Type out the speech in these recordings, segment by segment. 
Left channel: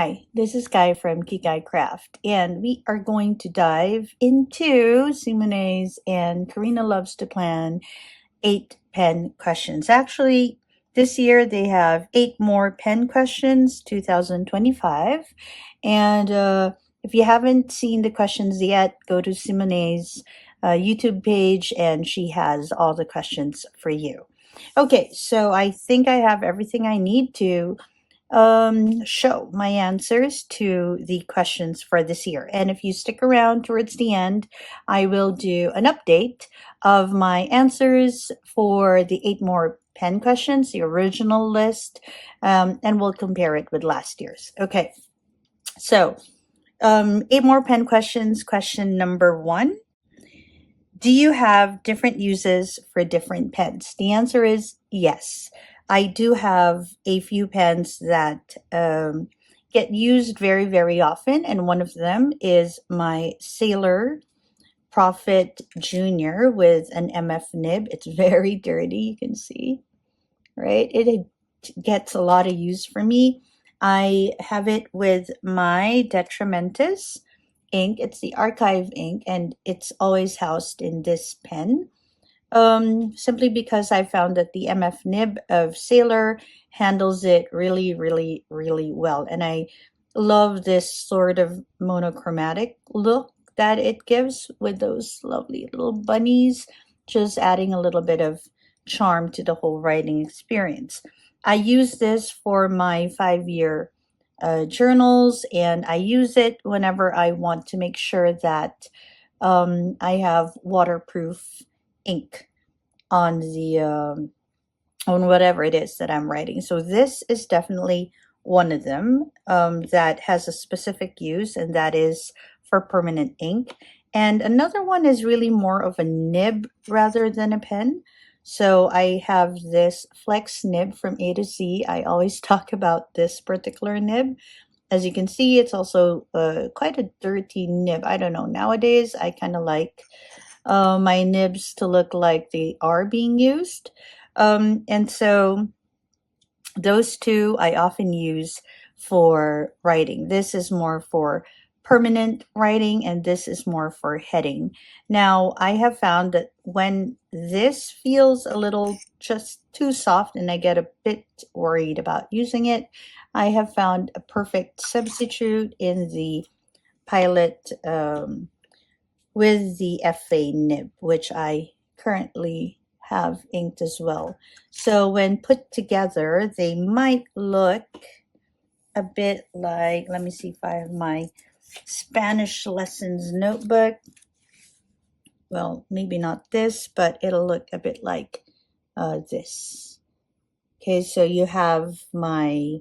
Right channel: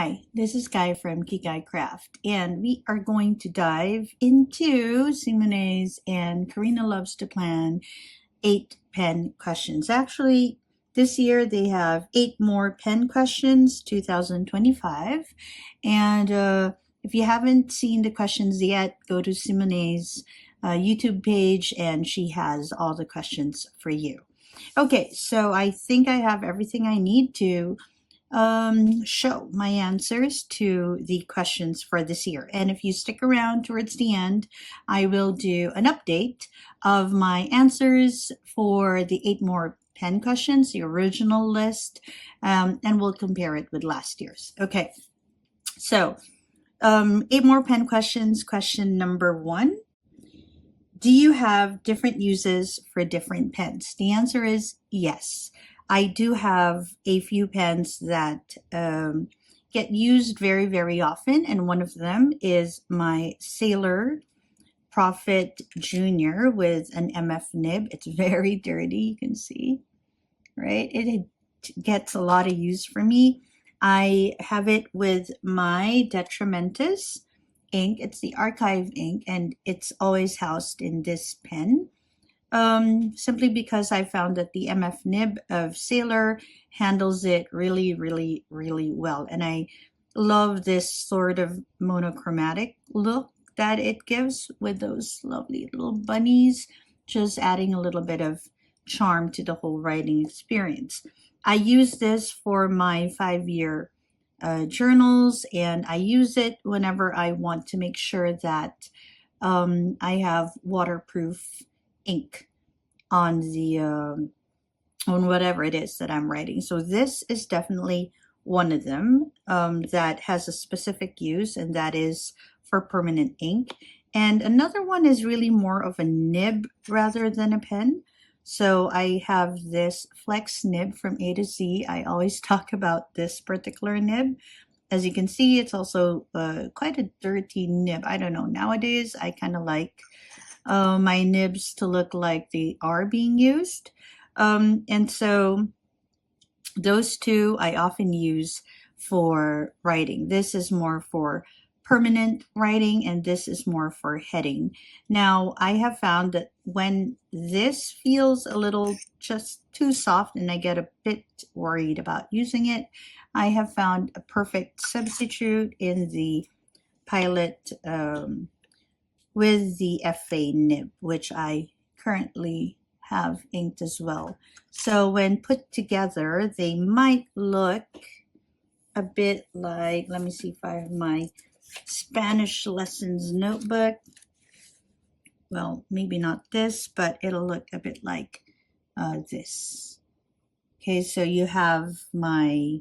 Hi, this is Guy from Kikai Craft, and we are going to dive into Simone's and Karina Loves to Plan 8 pen questions. Actually, this year they have 8 more pen questions, 2025. And if you haven't seen the questions yet, go to Simone's YouTube page, and she has all the questions for you. Okay, so I think I have everything I need to show my answers to the questions for this year. And if you stick around towards the end, I will do an update of my answers for the 8 more pen questions, the original list, and we'll compare it with last year's. Okay, so 8 more pen questions. Question number 1. Do you have different uses for different pens? The answer is yes. I do have a few pens that get used very, very often, and one of them is my Sailor Prophet Junior with an MF nib. It's very dirty, you can see, right? It gets a lot of use for me. I have it with my Detrimentus ink. It's the archive ink, and it's always housed in this pen. Simply because I found that the MF nib of Sailor handles it really, really, really well. And I love this sort of monochromatic look that it gives with those lovely little bunnies, just adding a little bit of charm to the whole writing experience. I use this for my 5-year journals, and I use it whenever I want to make sure that I have waterproof ink on the on whatever it is that I'm writing. So this is definitely one of them that has a specific use, and that is for permanent ink. And another one is really more of a nib rather than a pen. So I have this Flex nib from A to Z. I always talk about this particular nib. As you can see, it's also quite a dirty nib. I don't know, nowadays I kind of like my nibs to look like they are being used. And so those two I often use for writing. This is more for permanent writing, and this is more for heading. Now, I have found that when this feels a little just too soft and I get a bit worried about using it, I have found a perfect substitute in the Pilot with the FA nib, which I currently have inked as well. So when put together, they might look a bit like, let me see if I have my Spanish lessons notebook. Well, maybe not this, but it'll look a bit like this. Okay, so you have my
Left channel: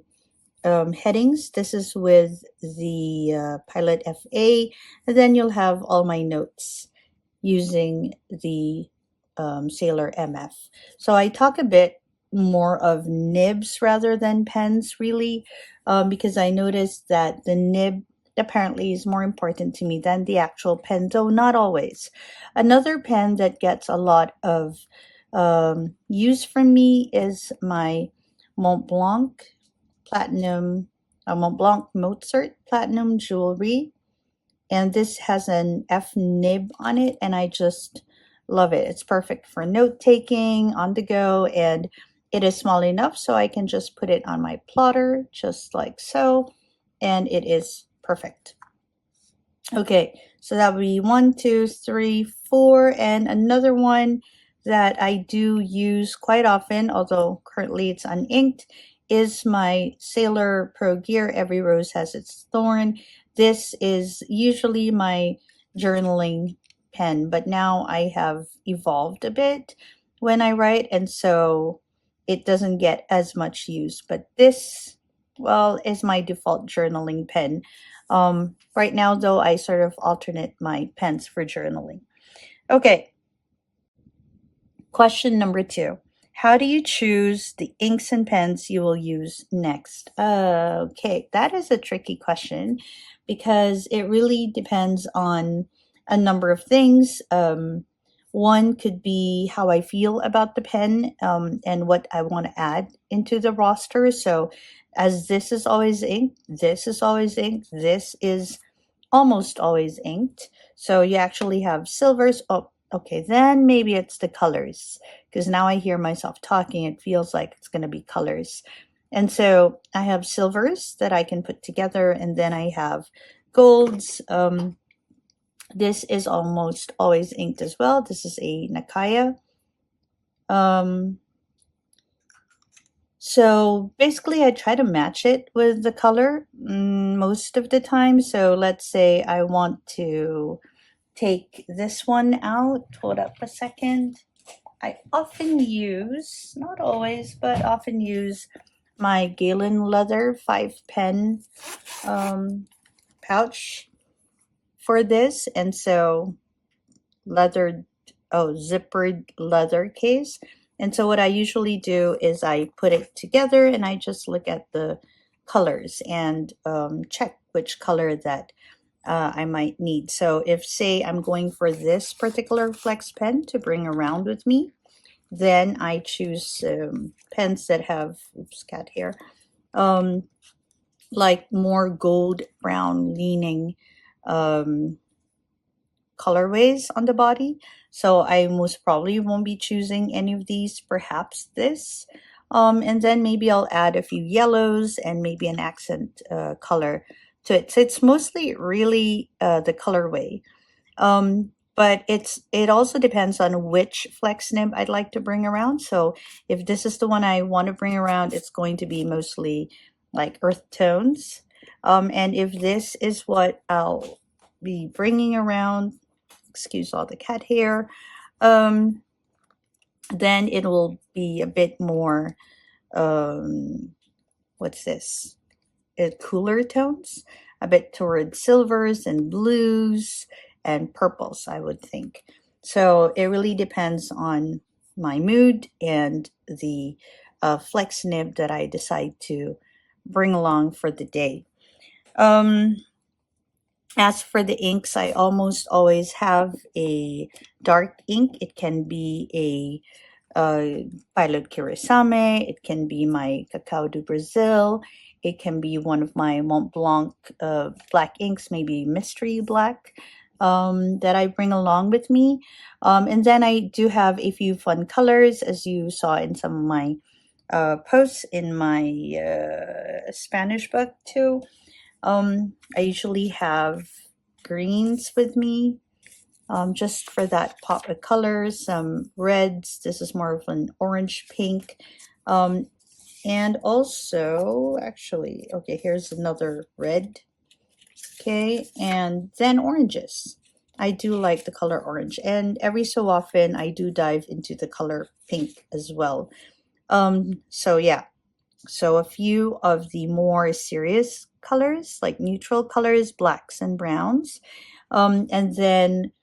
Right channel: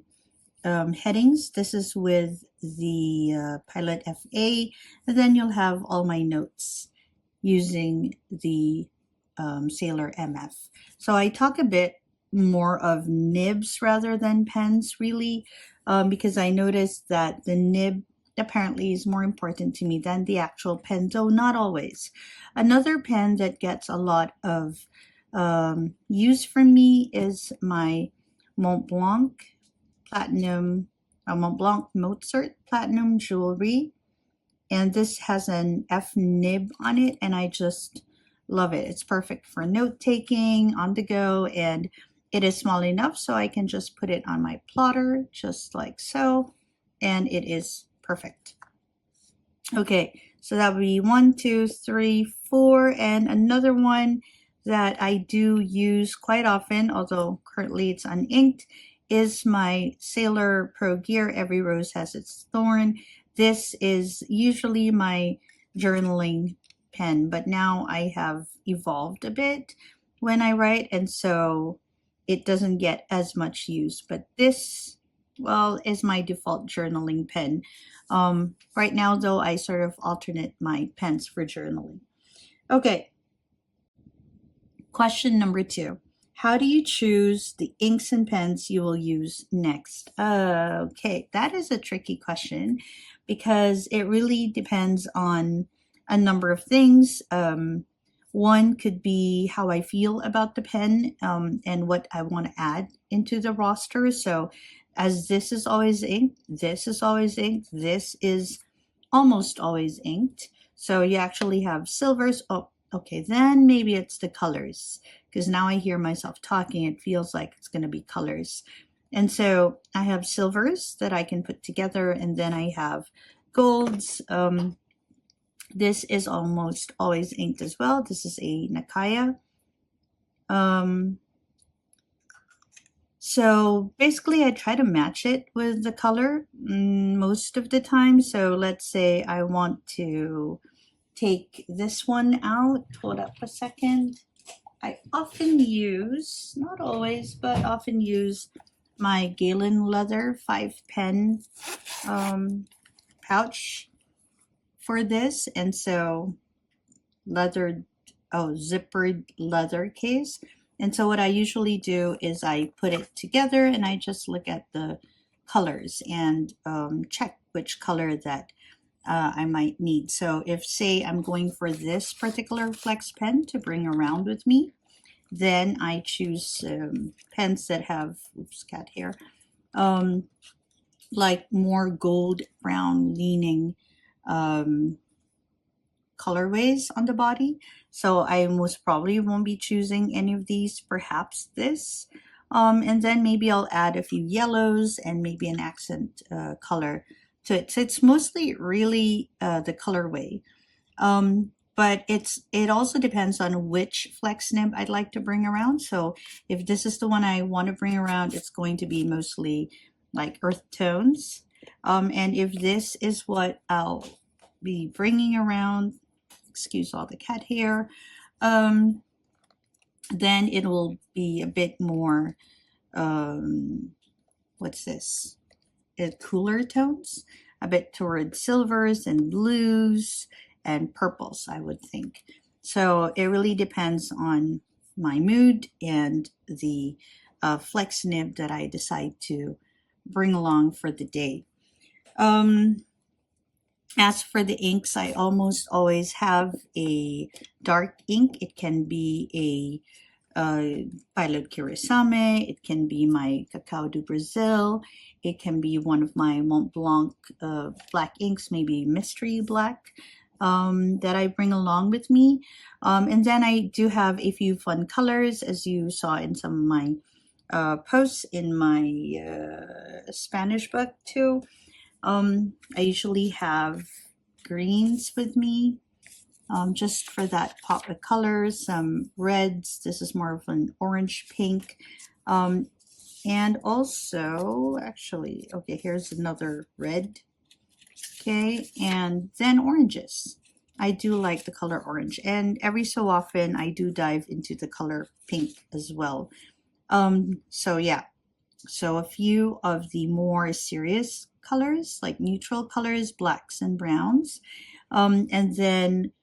headings. This is with the Pilot FA, and then you'll have all my notes using the Sailor MF. So I talk a bit more of nibs rather than pens, really, because I noticed that the nib apparently is more important to me than the actual pen, though not always. Another pen that gets a lot of use from me is my Montblanc Mozart Platinum Jewelry. And this has an F nib on it, and I just love it. It's perfect for note taking on the go, and it is small enough so I can just put it on my plotter, just like so, and it is perfect. Okay, so that would be 1, 2, 3, 4, and another one that I do use quite often, although currently it's uninked, is my Sailor Pro Gear Every Rose Has Its Thorn. This is usually my journaling pen, but now I have evolved a bit when I write, and so it doesn't get as much use. But this, well, is my default journaling pen. Right now, though, I sort of alternate my pens for journaling. Okay. Question number 2. How do you choose the inks and pens you will use next? Okay, that is a tricky question because it really depends on a number of things. One could be how I feel about the pen and what I want to add into the roster. So as this is always inked, this is always inked, this is almost always inked. So you actually have silvers. Oh, okay, then maybe it's the colors, because now I hear myself talking. It feels like it's going to be colors. And so I have silvers that I can put together, and then I have golds. This is almost always inked as well. This is a Nakaya. So basically I try to match it with the color most of the time. So let's say I want to take this one out. Hold up a second. I often use, not always, but often use my Galen Leather 5-pen pouch for this. And so zippered leather case. And so what I usually do is I put it together and I just look at the colors and check which color that I might need. So if, say, I'm going for this particular flex pen to bring around with me, then I choose pens that have, oops, cat hair, like more gold brown leaning colorways on the body. So I most probably won't be choosing any of these, perhaps this. And then maybe I'll add a few yellows and maybe an accent color to it. So it's mostly really the colorway. But it also depends on which flex nib I'd like to bring around. So if this is the one I want to bring around, it's going to be mostly like earth tones. And if this is what I'll be bringing around, excuse all the cat hair, then it will be a bit more, what's this? Cooler tones, a bit towards silvers and blues and purples, I would think. So it really depends on my mood and the flex nib that I decide to bring along for the day. As for the inks, I almost always have a dark ink. It can be a Pilot Kuresame. It can be my Cacao do Brazil. It can be one of my Mont Blanc black inks, maybe Mystery Black, that I bring along with me. And then I do have a few fun colors, as you saw in some of my posts in my Spanish book too. I usually have greens with me, just for that pop of colors, some reds. This is more of an orange pink. And also, actually, okay, here's another red. Okay, and then oranges. I do like the color orange, and every so often I do dive into the color pink as well. So yeah, so a few of the more serious colors, like neutral colors, blacks and browns, and then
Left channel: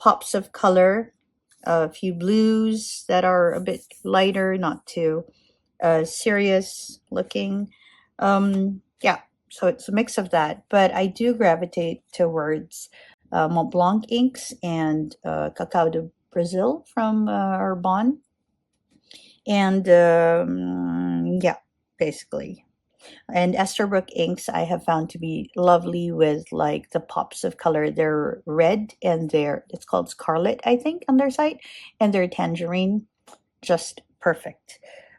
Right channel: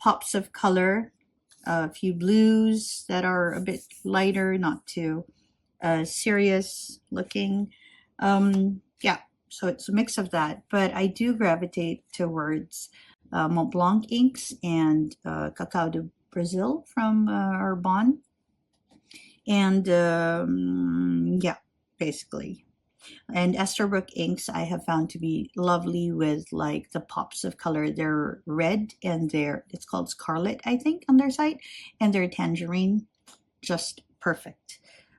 pops of color, a few blues that are a bit lighter, not too serious looking. Yeah, so it's a mix of that, but I do gravitate towards Mont Blanc inks and Cacao do Brazil from Arbonne. And yeah, basically. And Esterbrook inks I have found to be lovely with like the pops of color. They're red and it's called Scarlet, I think, on their site, and they're tangerine, just perfect.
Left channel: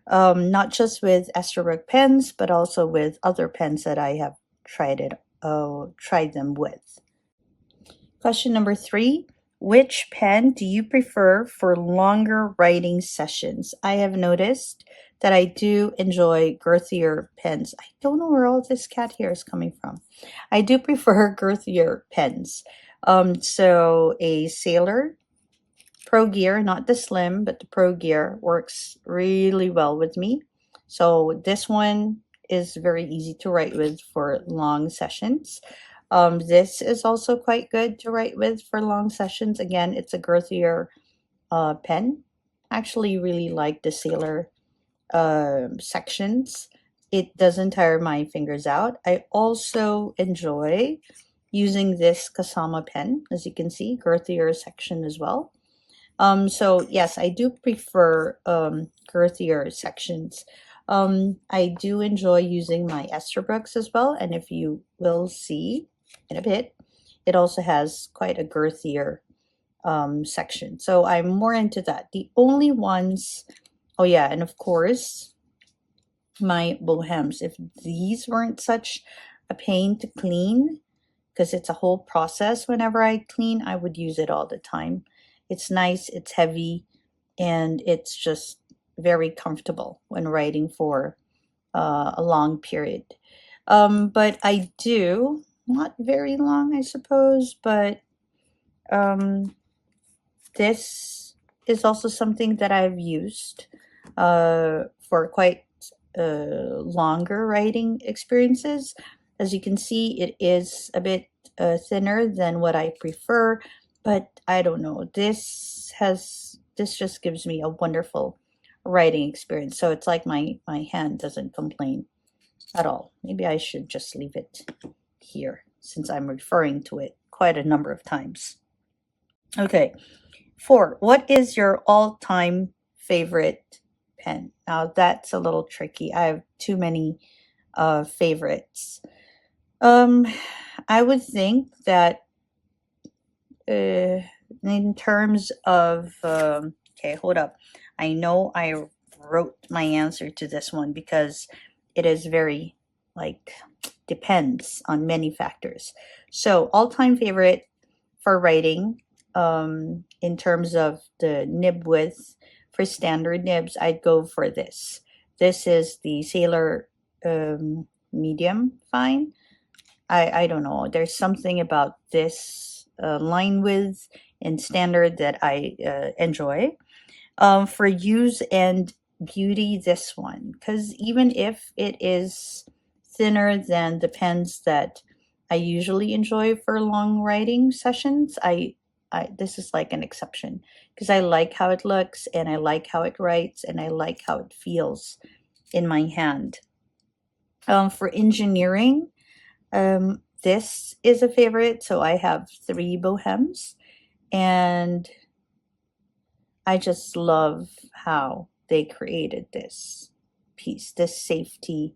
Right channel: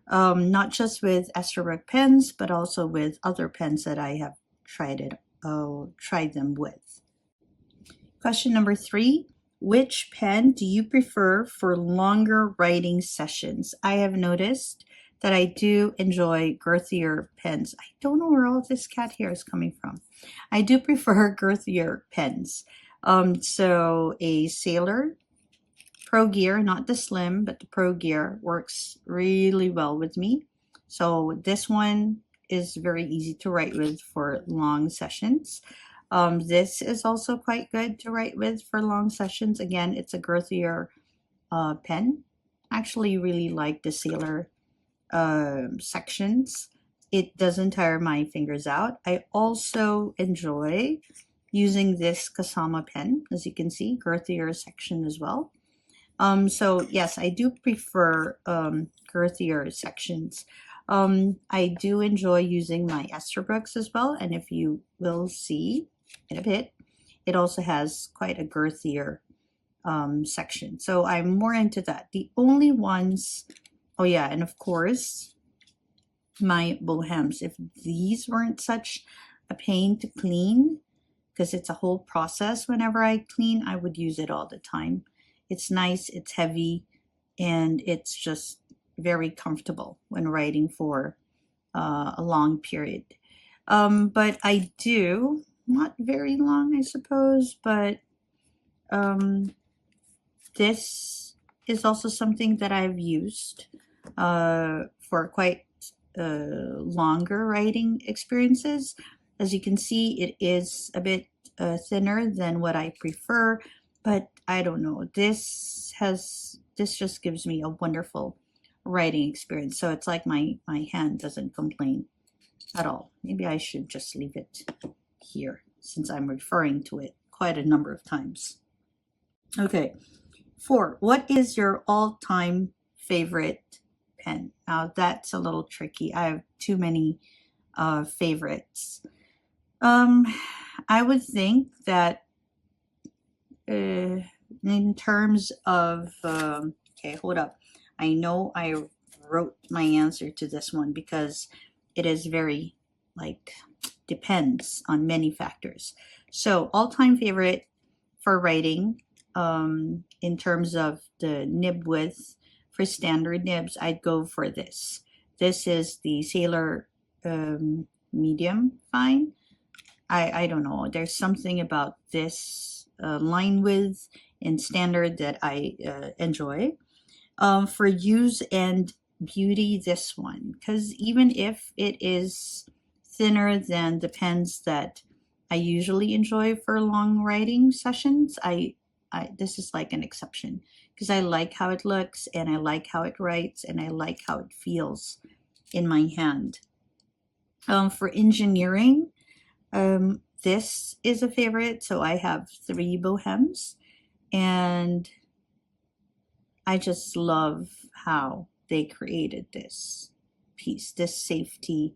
Not just with Esterbrook pens, but also with other pens that I have tried them with. Question number 3. Which pen do you prefer for longer writing sessions? I have noticed that I do enjoy girthier pens. I don't know where all this cat hair is coming from. I do prefer girthier pens. So a Sailor Pro Gear, not the Slim, but the Pro Gear works really well with me. So this one is very easy to write with for long sessions. This is also quite good to write with for long sessions. Again, it's a girthier pen. I actually really like the Sailor sections. It doesn't tire my fingers out. I also enjoy using this Kasama pen, as you can see, girthier section as well. So yes, I do prefer girthier sections. I do enjoy using my Esterbrook's as well, and if you will see in a bit, it also has quite a girthier section. So I'm more into that. The only ones, oh yeah, and of course, my Bohems. If these weren't such a pain to clean, because it's a whole process whenever I clean, I would use it all the time. It's nice, it's heavy, and it's just very comfortable when writing for a long period. But I do, not very long, I suppose, but this is also something that I've used for quite longer writing experiences. As you can see, it is a bit thinner than what I prefer, but I don't know. This just gives me a wonderful writing experience. So it's like my hand doesn't complain at all. Maybe I should just leave it here since I'm referring to it quite a number of times. Okay. 4. What is your all-time favorite pen? Now that's a little tricky. I have too many favorites. I would think that in terms of okay, hold up. I know I wrote my answer to this one because it is very like depends on many factors. So all-time favorite for writing in terms of the nib width for standard nibs, I'd go for this. This is the Sailor medium fine. I don't know. There's something about this line width in standard that I enjoy. For use and beauty, this one, because even if it is thinner than the pens that I usually enjoy for long writing sessions, this is like an exception because I like how it looks and I like how it writes and I like how it feels in my hand. For engineering, this is a favorite. So I have 3 Bohems and I just love how they created this piece, this safety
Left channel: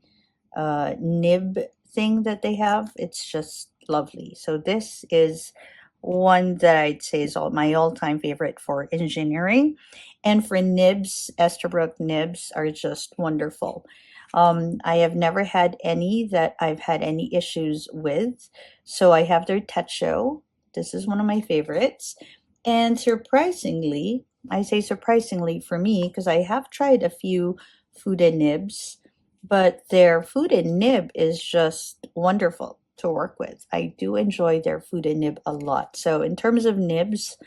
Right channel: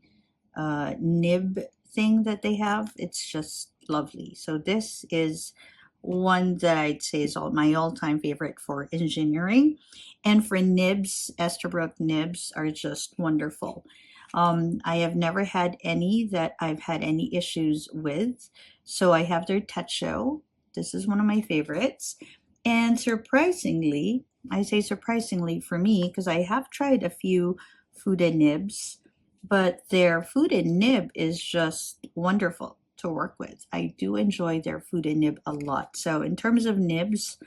nib thing that they have. It's just lovely. So this is one that I'd say is my all-time favorite for engineering. And for nibs, Esterbrook nibs are just wonderful. I have never had any that I've had any issues with. So I have their Techo. This is one of my favorites. And surprisingly, I say surprisingly for me, because I have tried a few Fude nibs, but their Fude nib is just wonderful to work with. I do enjoy their Fude nib a lot. So in terms of nibs,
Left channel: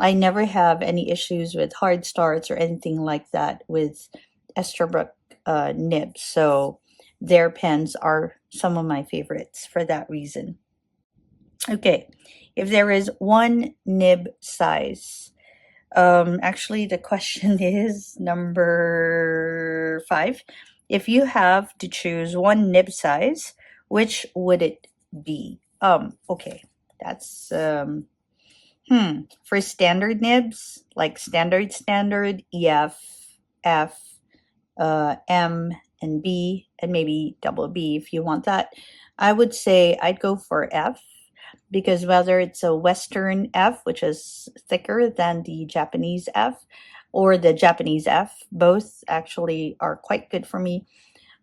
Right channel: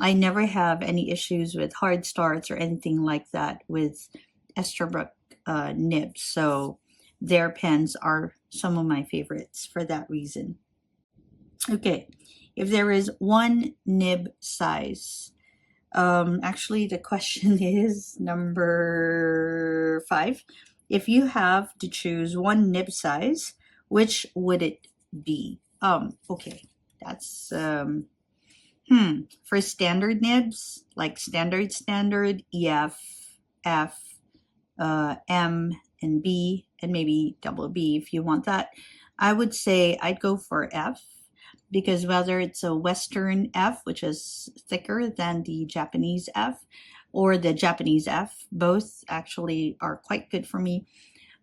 I never have any issues with hard starts or anything like that with Esterbrook nibs. So their pens are some of my favorites for that reason. Okay, if there is one nib size, actually the question is number 5. If you have to choose one nib size, which would it be? Okay, that's for standard nibs, like standard, EF, F, M, and B, and maybe double B if you want that. I would say I'd go for F, because whether it's a Western F, which is thicker than the Japanese F, or the Japanese F, both actually are quite good for me.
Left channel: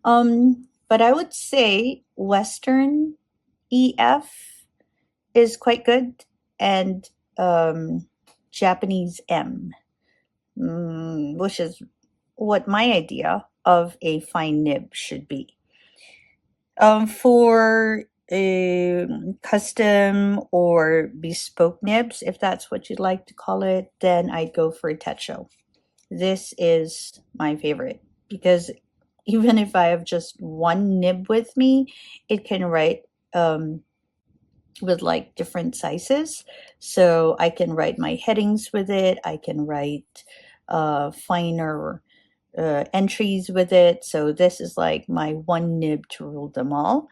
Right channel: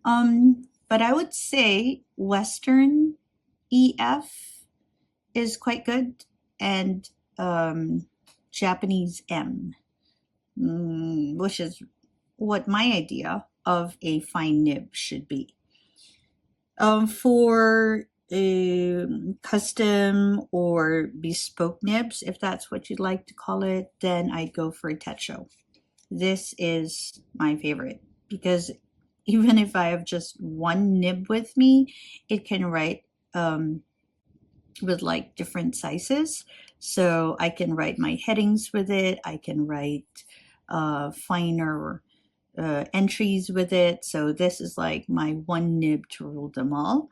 But I would say Western EF is quite good, and Japanese M, which is what my idea of a fine nib should be. For custom or bespoke nibs, if that's what you'd like to call it, then I'd go for Techo. This is my favorite because even if I have just one nib with me, it can write with like different sizes. So I can write my headings with it. I can write finer entries with it. So this is like my one nib to rule them all.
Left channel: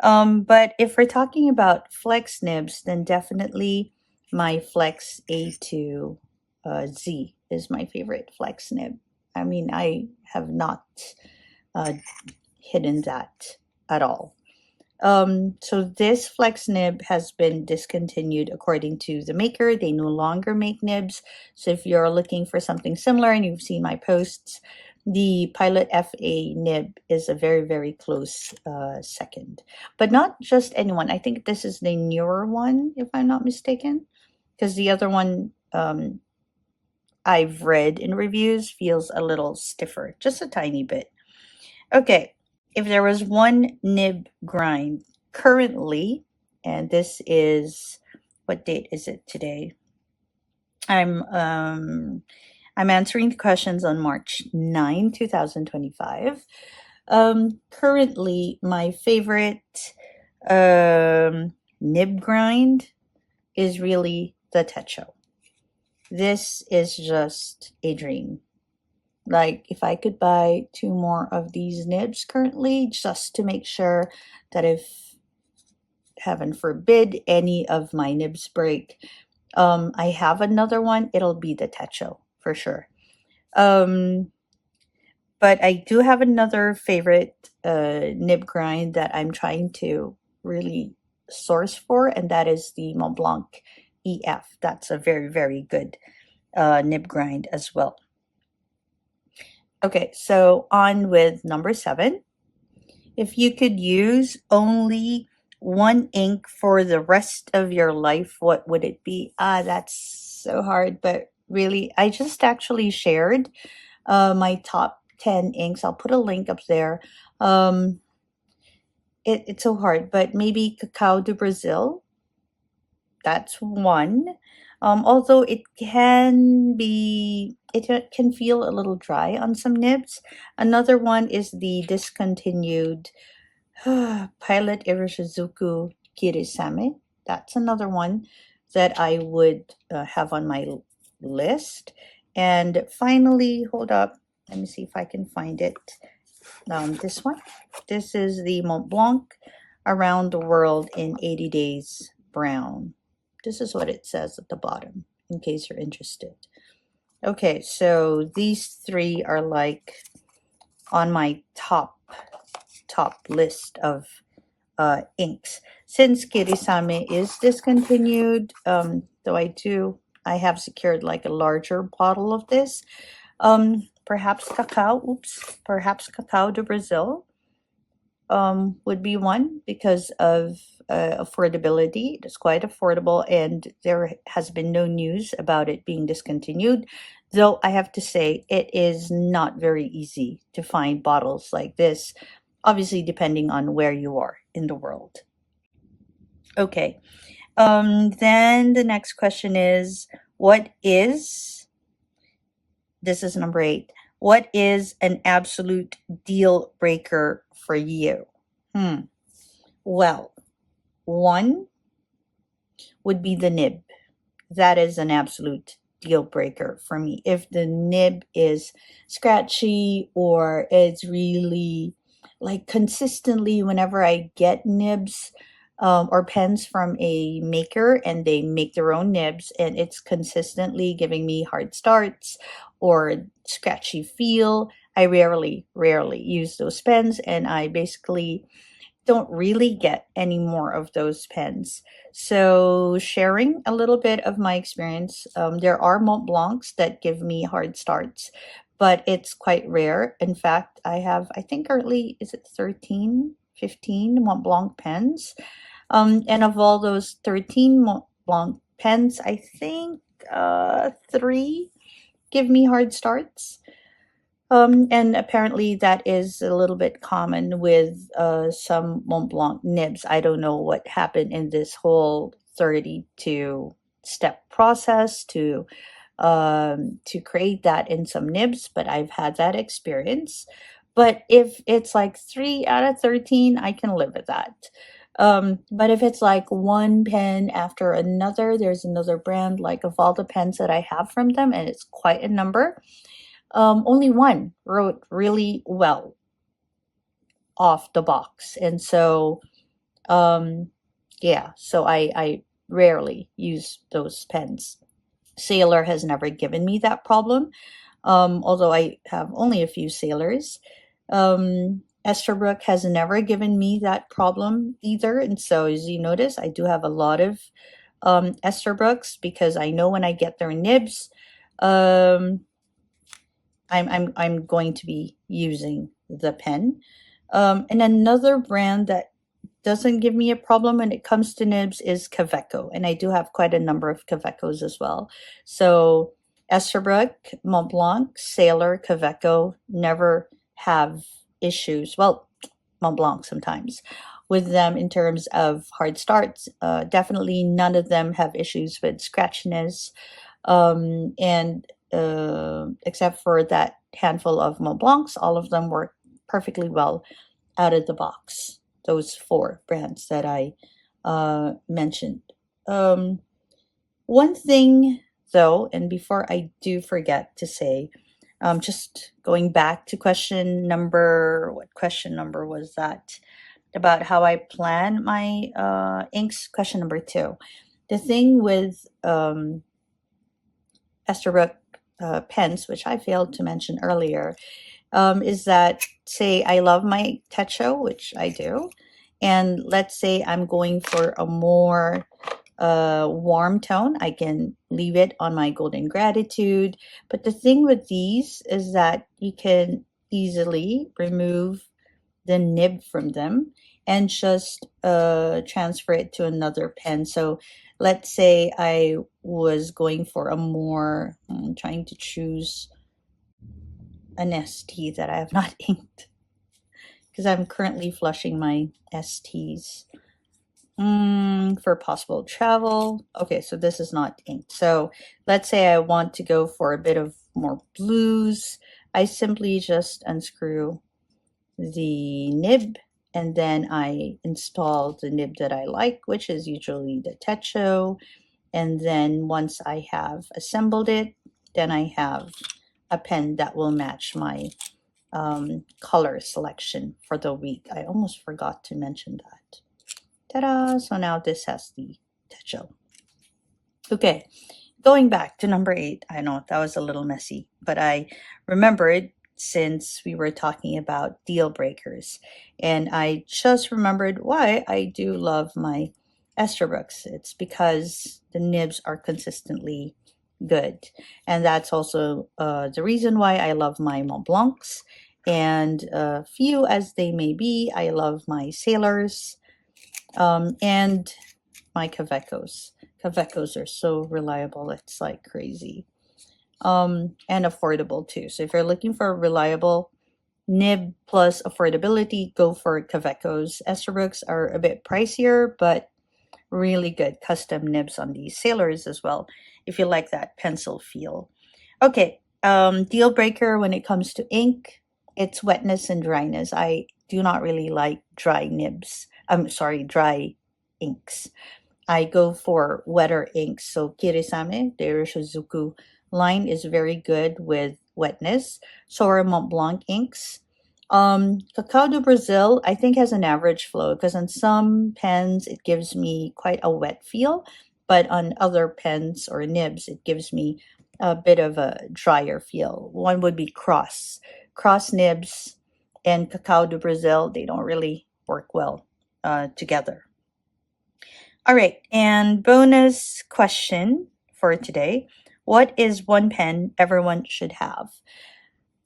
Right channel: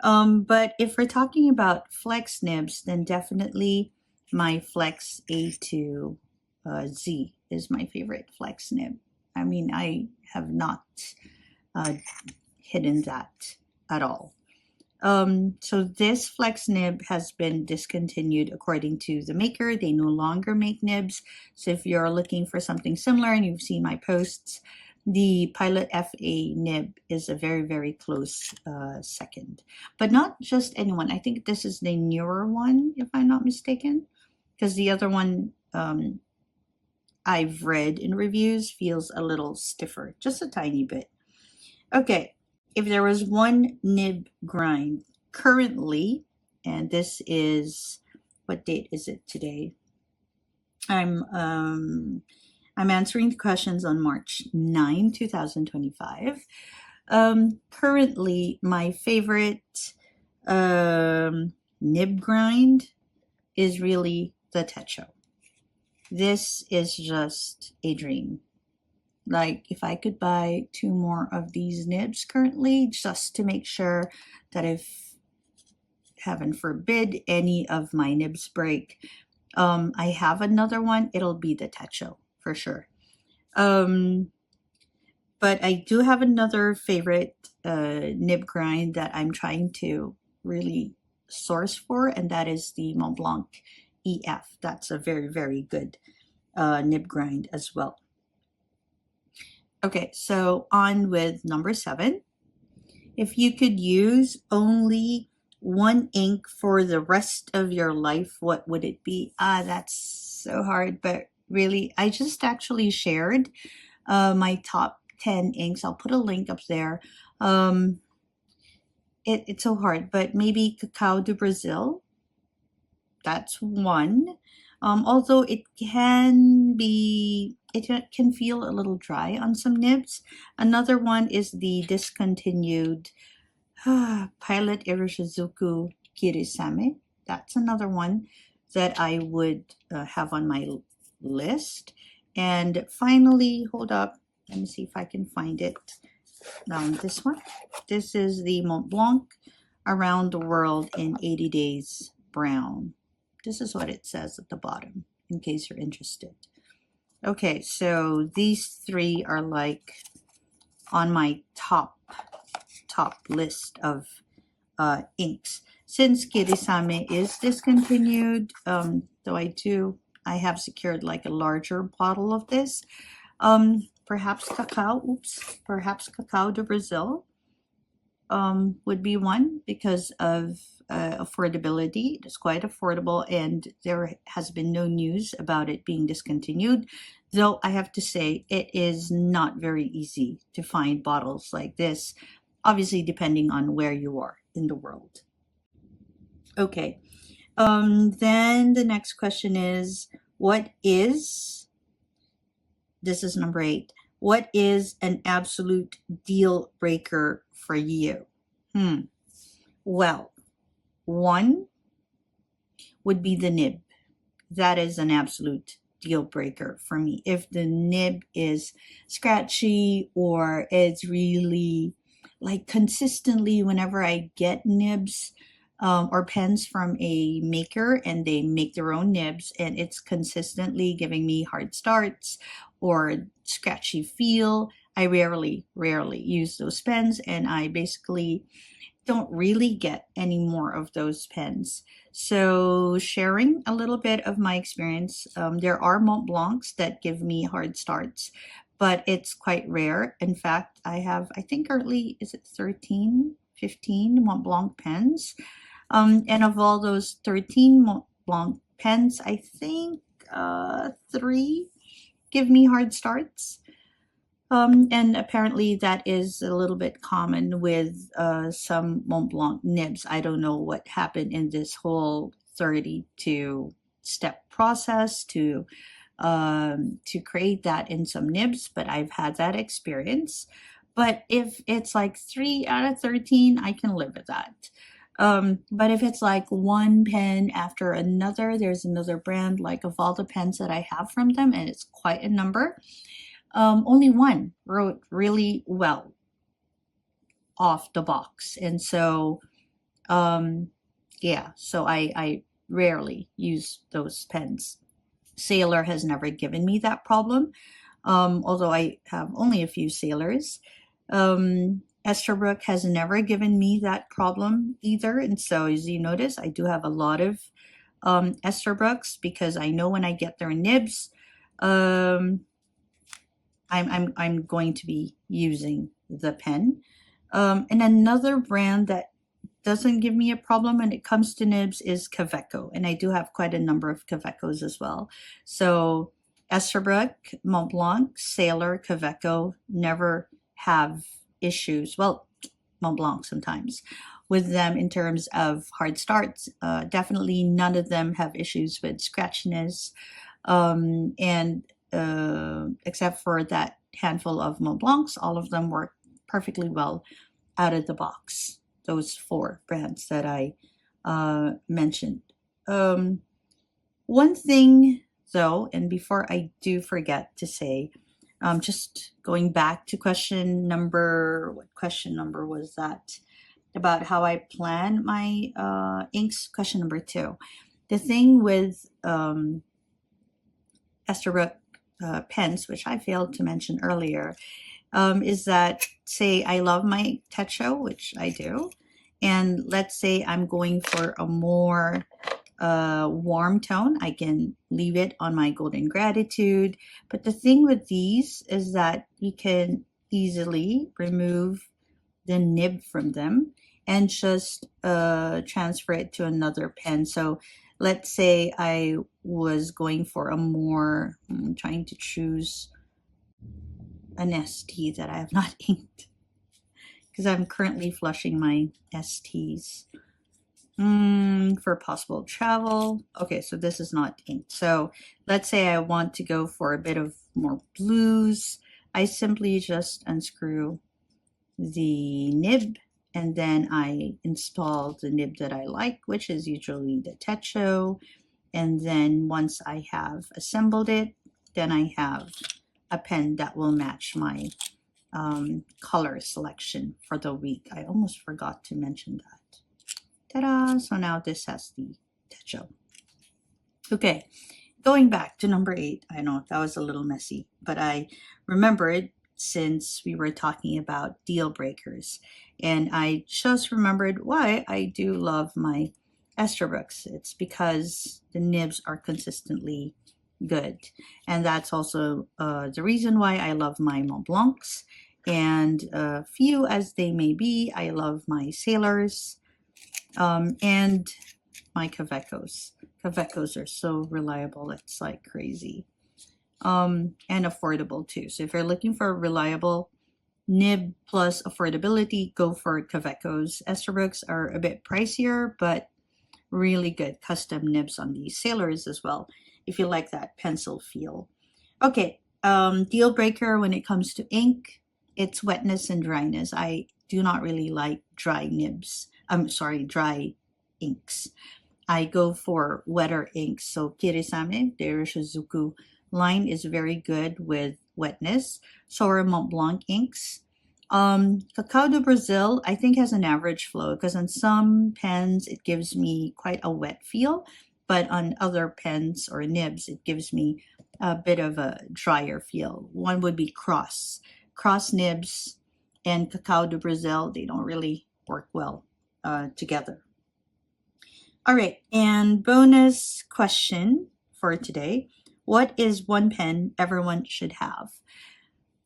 But if we're talking about flex nibs, then definitely my Flex A2 Z is my favorite flex nib. I mean, I have not hidden that at all. So this flex nib has been discontinued according to the maker. They no longer make nibs. So if you're looking for something similar and you've seen my posts, the Pilot FA nib is a very, very close second. But not just anyone. I think this is the newer one, if I'm not mistaken, because the other one I've read in reviews feels a little stiffer, just a tiny bit. Okay, if there was one nib grind currently, and this is, what date is it today? I'm answering the questions on March 9, 2025. Currently, my favorite nib grind is really the Techo. This is just a dream. Like, if I could buy 2 more of these nibs currently, just to make sure that if, heaven forbid, any of my nibs break, I have another one, it'll be the Techo for sure. But I do have another favorite nib grind that I'm trying to really source for, and that is the Mont Blanc EF. That's a very, very good nib grind as well. Okay, so on with number 7. If you could use only one ink for the rest of your life, what would it be? That's so hard, but really, I just actually shared my top 10 inks. I'll put a link up there. It's so hard, but maybe Cacao do Brazil. That's one. Although it can feel a little dry on some nibs. Another one is the discontinued Pilot Iroshizuku Kirisame. That's another one that I would have on my list. And finally, hold up, let me see if I can find it. This one. This is the Mont Blanc Around the World in 80 Days Brown. This is what it says at the bottom, in case you're interested. Okay, so these 3 are like on my top list of inks. Since Kirisame is discontinued, though I have secured like a larger bottle of this. Perhaps Cacao do Brazil would be one because of affordability. It's quite affordable, and there has been no news about it being discontinued. Though I have to say, it is not very easy to find bottles like this, obviously depending on where you are in the world. Okay, then the next question is, this is number 8, what is an absolute deal breaker for you? Well, one would be the nib. That is an absolute deal breaker for me. If the nib is scratchy or it's really like consistently, whenever I get nibs or pens from a maker and they make their own nibs and it's consistently giving me hard starts or scratchy feel, I rarely use those pens, and I basically don't really get any more of those pens. So sharing a little bit of my experience, there are Mont Blancs that give me hard starts, but it's quite rare. In fact, I think currently, is it 13, 15 Mont Blanc pens? And of all those 13 Mont Blanc pens, I think 3 give me hard starts. And apparently that is a little bit common with some Mont Blanc nibs. I don't know what happened in this whole 32-step process to create that in some nibs, but I've had that experience. But if it's like 3 out of 13, I can live with that. But if it's like one pen after another, there's another brand, like of all the pens that I have from them, and it's quite a number. Only one wrote really well off the box. And so, yeah, so I rarely use those pens. Sailor has never given me that problem, although I have only a few Sailors. Esterbrook has never given me that problem either. And so as you notice, I do have a lot of Esterbrooks because I know when I get their nibs, um, I'm going to be using the pen. And another brand that doesn't give me a problem when it comes to nibs is Kaweco, and I do have quite a number of Kawecos as well. So Esterbrook, Montblanc, Sailor, Kaweco never have issues. Well, Montblanc sometimes with them in terms of hard starts. Definitely none of them have issues with scratchiness, and except for that handful of Montblancs, all of them work perfectly well out of the box. Those 4 brands that I mentioned. One thing though, and before I do forget to say, just going back to what question number was that? About how I plan my inks, question number 2. The thing with Esterbrook pens, which I failed to mention earlier, is that, say I love my Techo, which I do, and let's say I'm going for a more warm tone, I can leave it on my Golden Gratitude. But the thing with these is that you can easily remove the nib from them and just transfer it to another pen. So let's say I was going for a more, I'm trying to choose an ST that I have not inked because I'm currently flushing my STs for possible travel. Okay, so this is not inked. So let's say I want to go for a bit of more blues. I simply just unscrew the nib and then I install the nib that I like, which is usually the Techo. And then once I have assembled it, then I have a pen that will match my color selection for the week. I almost forgot to mention that. Ta-da! So now this has the Techo. Okay, going back to number 8. I know that was a little messy, but I remembered since we were talking about deal breakers. And I just remembered why I do love my Esterbrook's. It's because the nibs are consistently good. And that's also the reason why I love my Montblancs. And few as they may be, I love my Sailors and my Kawecos. Kawecos are so reliable, it's like crazy. And affordable too. So if you're looking for a reliable nib plus affordability, go for Kawecos. Esterbrook's are a bit pricier, but really good custom nibs on these Sailors as well, if you like that pencil feel. Okay, deal breaker when it comes to ink, it's wetness and dryness. I do not really like dry nibs. I'm sorry, dry inks. I go for wetter inks. So Kirisame, the Irishizuku line is very good with wetness. So are Montblanc inks. Cacao do Brazil, I think, has an average flow because on some pens it gives me quite a wet feel, but on other pens or nibs it gives me a bit of a drier feel. One would be cross nibs and Cacao do Brazil. They don't really work well together. All right, and bonus question for today. What is one pen everyone should have?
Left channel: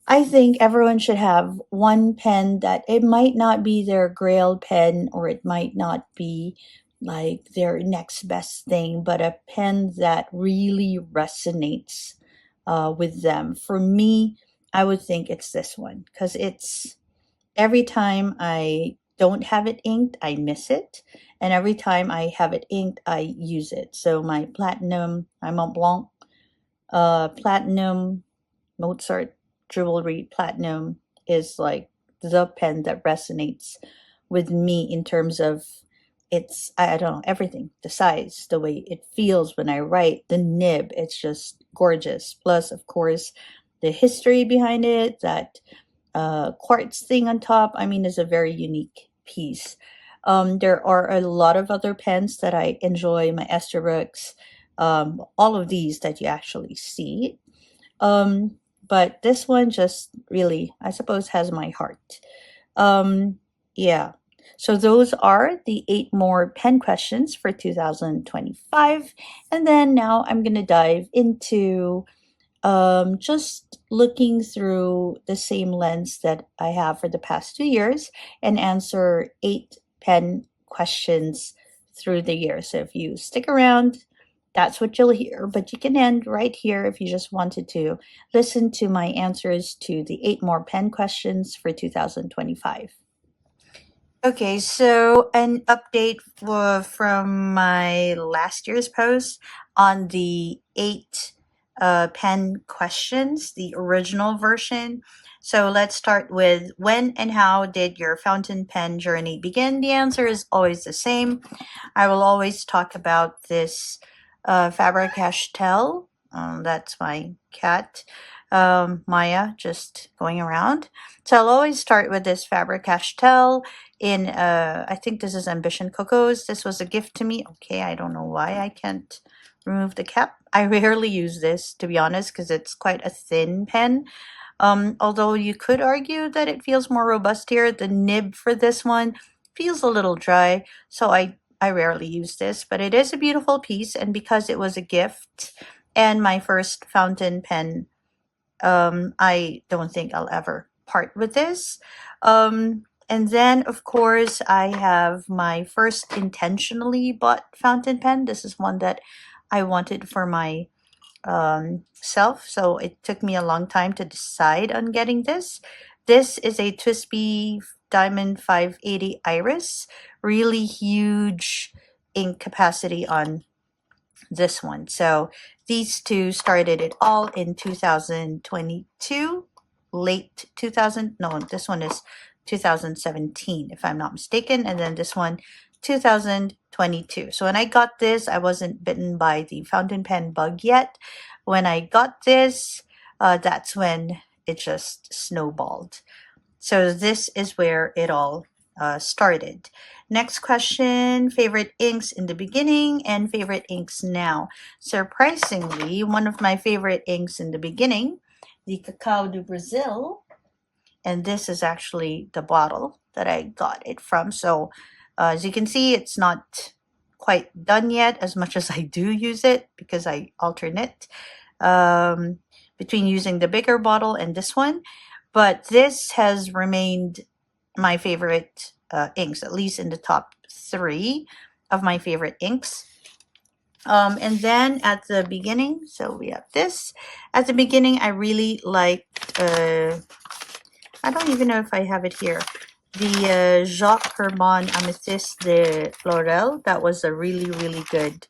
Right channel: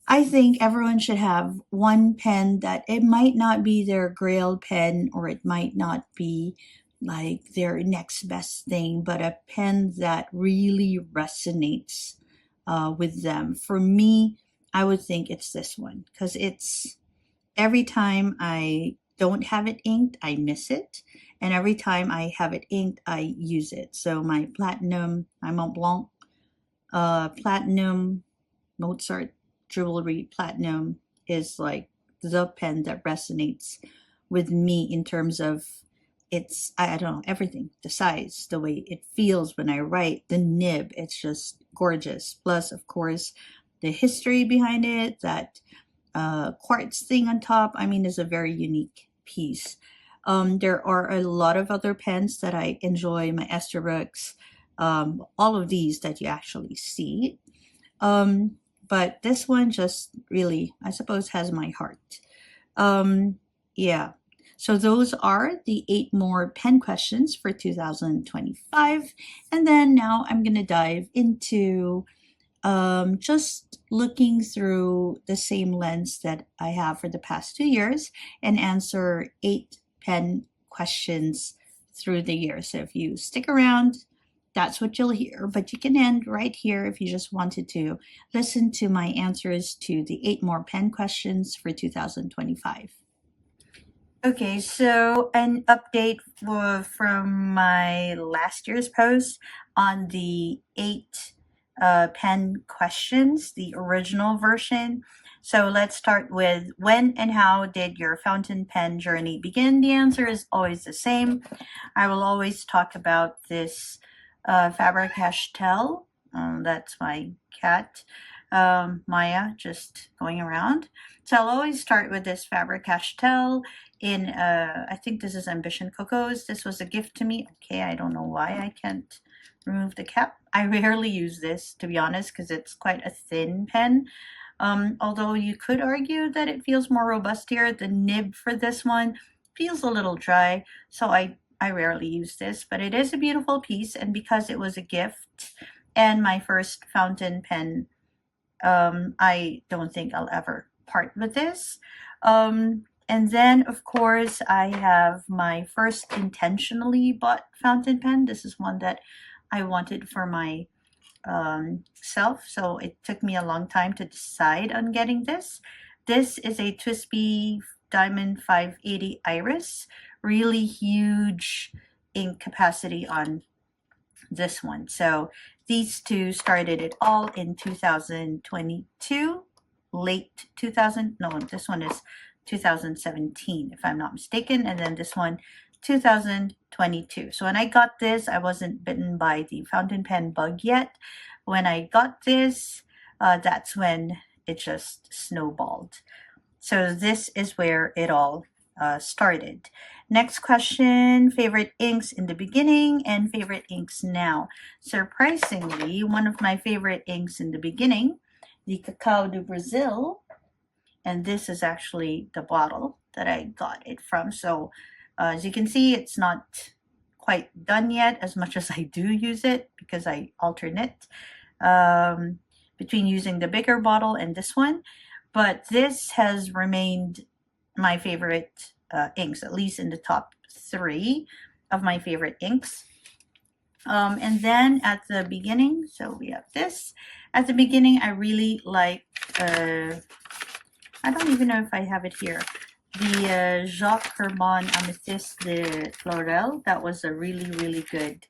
I think everyone should have one pen that it might not be their grail pen or it might not be like their next best thing, but a pen that really resonates with them. For me, I would think it's this one because it's every time I don't have it inked, I miss it. And every time I have it inked, I use it. So my Platinum, my Montblanc Platinum Mozart Jewelry Platinum is like the pen that resonates with me in terms of its, I don't know, everything. The size, the way it feels when I write, the nib, it's just gorgeous. Plus, of course, the history behind it, that quartz thing on top, I mean, is a very unique piece. There are a lot of other pens that I enjoy, my Esterbrook's, all of these that you actually see. but this one just really, I suppose, has my heart. Yeah. So those are the 8 more pen questions for 2025. And then now I'm going to dive into just looking through the same lens that I have for the past 2 years and answer 8 pen questions through the year. So if you stick around, that's what you'll hear. But you can end right here if you just wanted to listen to my answers to the 8 more pen questions for 2025. Okay, so an update from my last year's post on the 8 pen questions, the original version. So let's start with when and how did your fountain pen journey begin? The answer is always the same. I will always talk about this Faber-Castell. That's my cat, Maya, just going around. So I'll always start with this Faber-Castell in, I think this is Ambition Cocos. This was a gift to me. Okay, I don't know why I can't remove the cap. I rarely use this, to be honest, because it's quite a thin pen. Although you could argue that it feels more robust here. The nib for this one feels a little dry, so I rarely use this, but it is a beautiful piece, and because it was a gift and my first fountain pen, I don't think I'll ever part with this. And then, of course, I have my first intentionally bought fountain pen. This is one that I wanted for my self, so it took me a long time to decide on getting this. This is a TWSBI Diamond 580 Iris. Really huge ink capacity on this one. So these two started it all in 2022, late 2000. No, this one is 2017, if I'm not mistaken. And then this one, 2022. So when I got this, I wasn't bitten by the fountain pen bug yet. When I got this, that's when it just snowballed. So this is where it all started. Next question, favorite inks in the beginning and favorite inks now. Surprisingly, one of my favorite inks in the beginning, the Cacao do Brazil, and this is actually the bottle that I got it from. So as you can see, it's not quite done yet as much as I do use it because I alternate between using the bigger bottle and this one. But this has remained my favorite inks, at least in the top 3 of my favorite inks. And then at the beginning, so we have this. At the beginning, I really like, I don't even know if I have it here, the Jacques Herbon Amethyste de Florel. That was a really, really good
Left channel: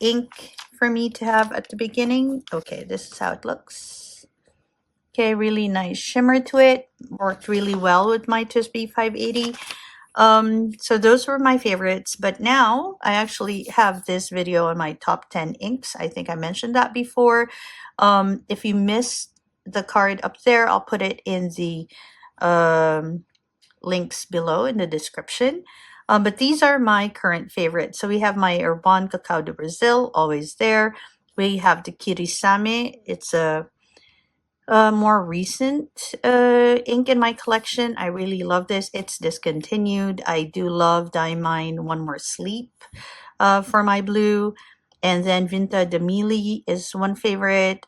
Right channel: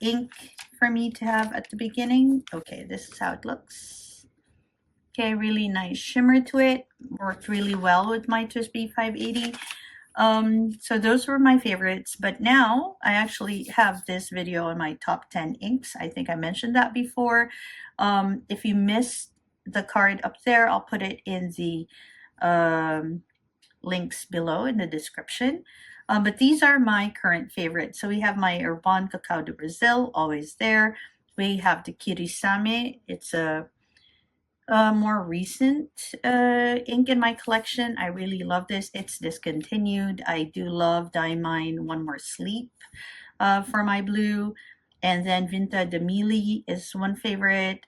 ink for me to have at the beginning. Okay, this is how it looks. Okay, really nice shimmer to it. Worked really well with my TWSBI 580. So those were my favorites, but now I actually have this video on my top 10 inks. I think I mentioned that before. If you missed the card up there, I'll put it in the links below in the description. But these are my current favorites. So we have my Herbon Cacao do Brazil, always there. We have the Kirisame. It's a more recent ink in my collection. I really love this. It's discontinued. I do love Diamine One More Sleep for my blue. And then Vinta de Mili is one favorite.